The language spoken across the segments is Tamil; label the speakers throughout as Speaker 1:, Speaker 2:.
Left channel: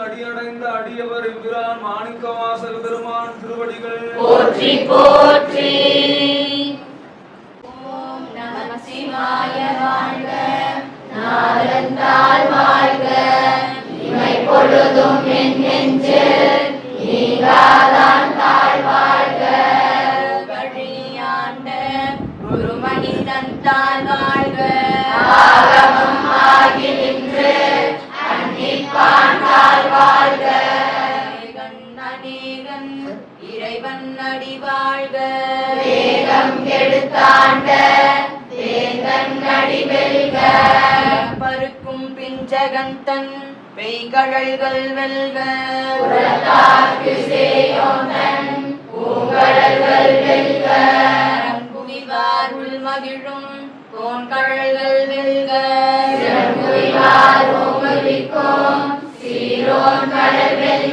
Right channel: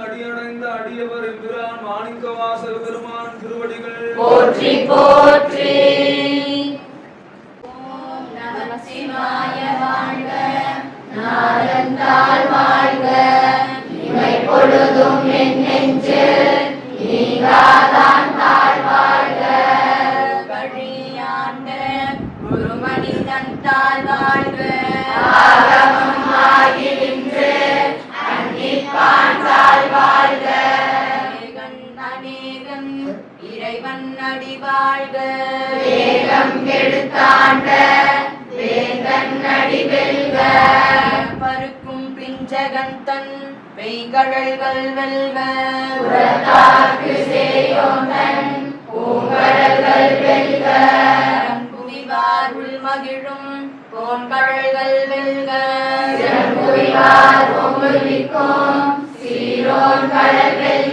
Speaker 1: அடியடைந்த அடியவர் எம்பிரான் மாணிக்கவாசல் பெருமான் திருவடிகள்.
Speaker 2: போற்றி போற்றி. ஓம் நம சிவாய வாழ்க. நாதந்தாள் வாழ்க. இமை பொழுதும் என் நெஞ்சு. நீங்காதான் தாழ் வாழ்க. வழியாண்ட குருமனிதன் தாழ் வாழ்க. இறைவன் அடி வாழ்க. வேகம் கெடுத்தாண்ட. வேந்தன் அடி வெல்க. பருக்கும் பிஞ்சகன் தன் பெய்கழல்கள் வெல்க. உலகாக்கு சேயோந்தன் பூங்கடல்கள் வெல்க. குவிவார் உள்மகிழும் கோன்கழல்கள் வெல்க. குவிவார் ஓங்குவிக்கும் சீரோன் கடல் வெல்க.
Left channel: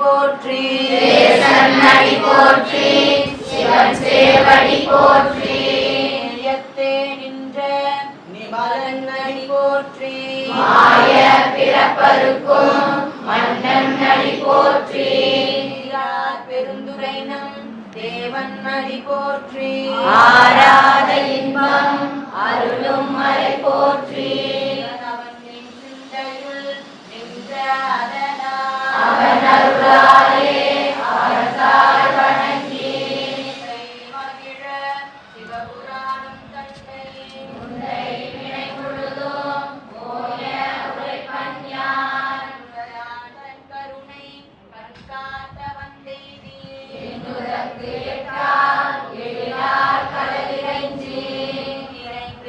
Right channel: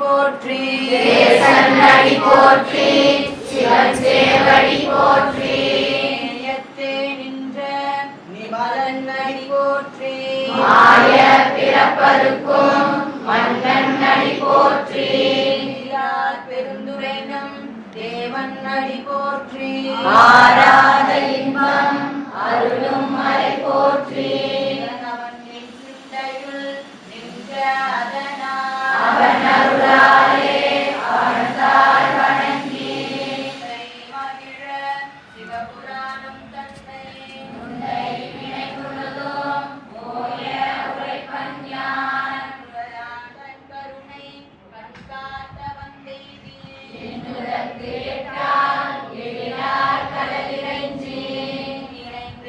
Speaker 2: போற்றி. தேசன் போற்றி சிவன் சேவடி போற்றி நிலையத்தே நின்ற நிமலன்னடி போற்றி. மாய பிறப்பருக்கும் மன்னன் அடி போற்றி பெருந்துரைனம் தேவன் அடி போற்றி.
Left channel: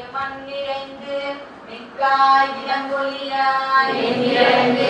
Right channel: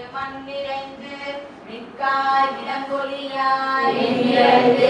Speaker 2: நிறைந்து நிறைந்து மிக்காய் இளங்கொலியாய் எங்கிருந்து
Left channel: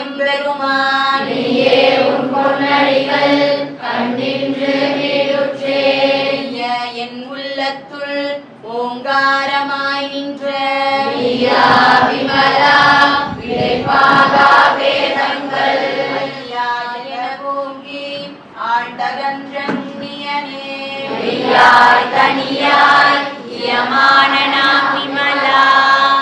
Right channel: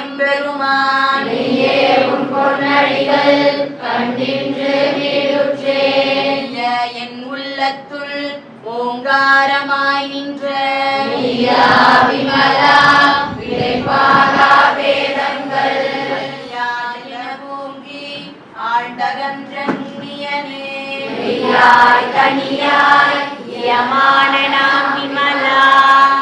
Speaker 2: எம்பெருமான். நீயே உன் பொன்னடிகள் கண்டின்று என் உள்ளத்துள் ஓங்காரமாய் நின்ற நீயாய் தனியாய் யமான நாம் விமலா.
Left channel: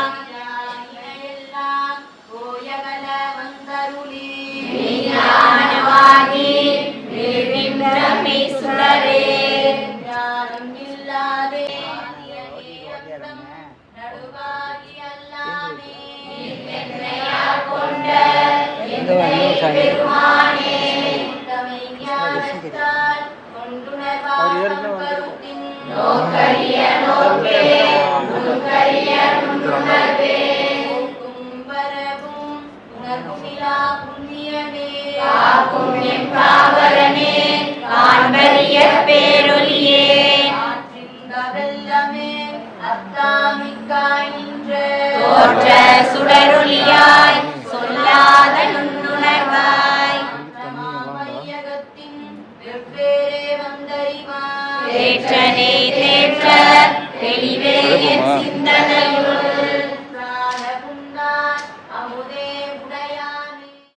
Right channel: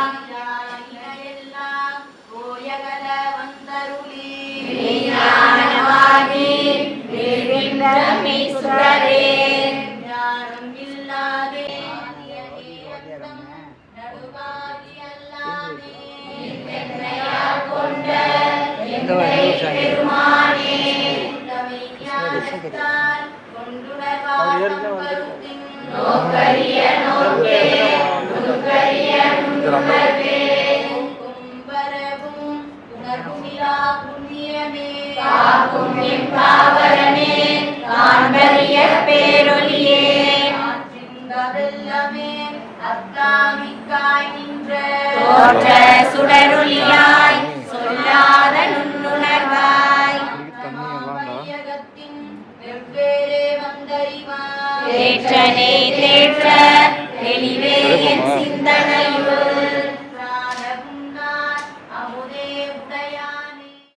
Speaker 2: காக்கும் எம் காவலனே காண்பரிய பேரொலியே அத்தாமிக்காய் நின்ற தேற்றனே தேற்ற தெளிவே சிந்தனையுள்.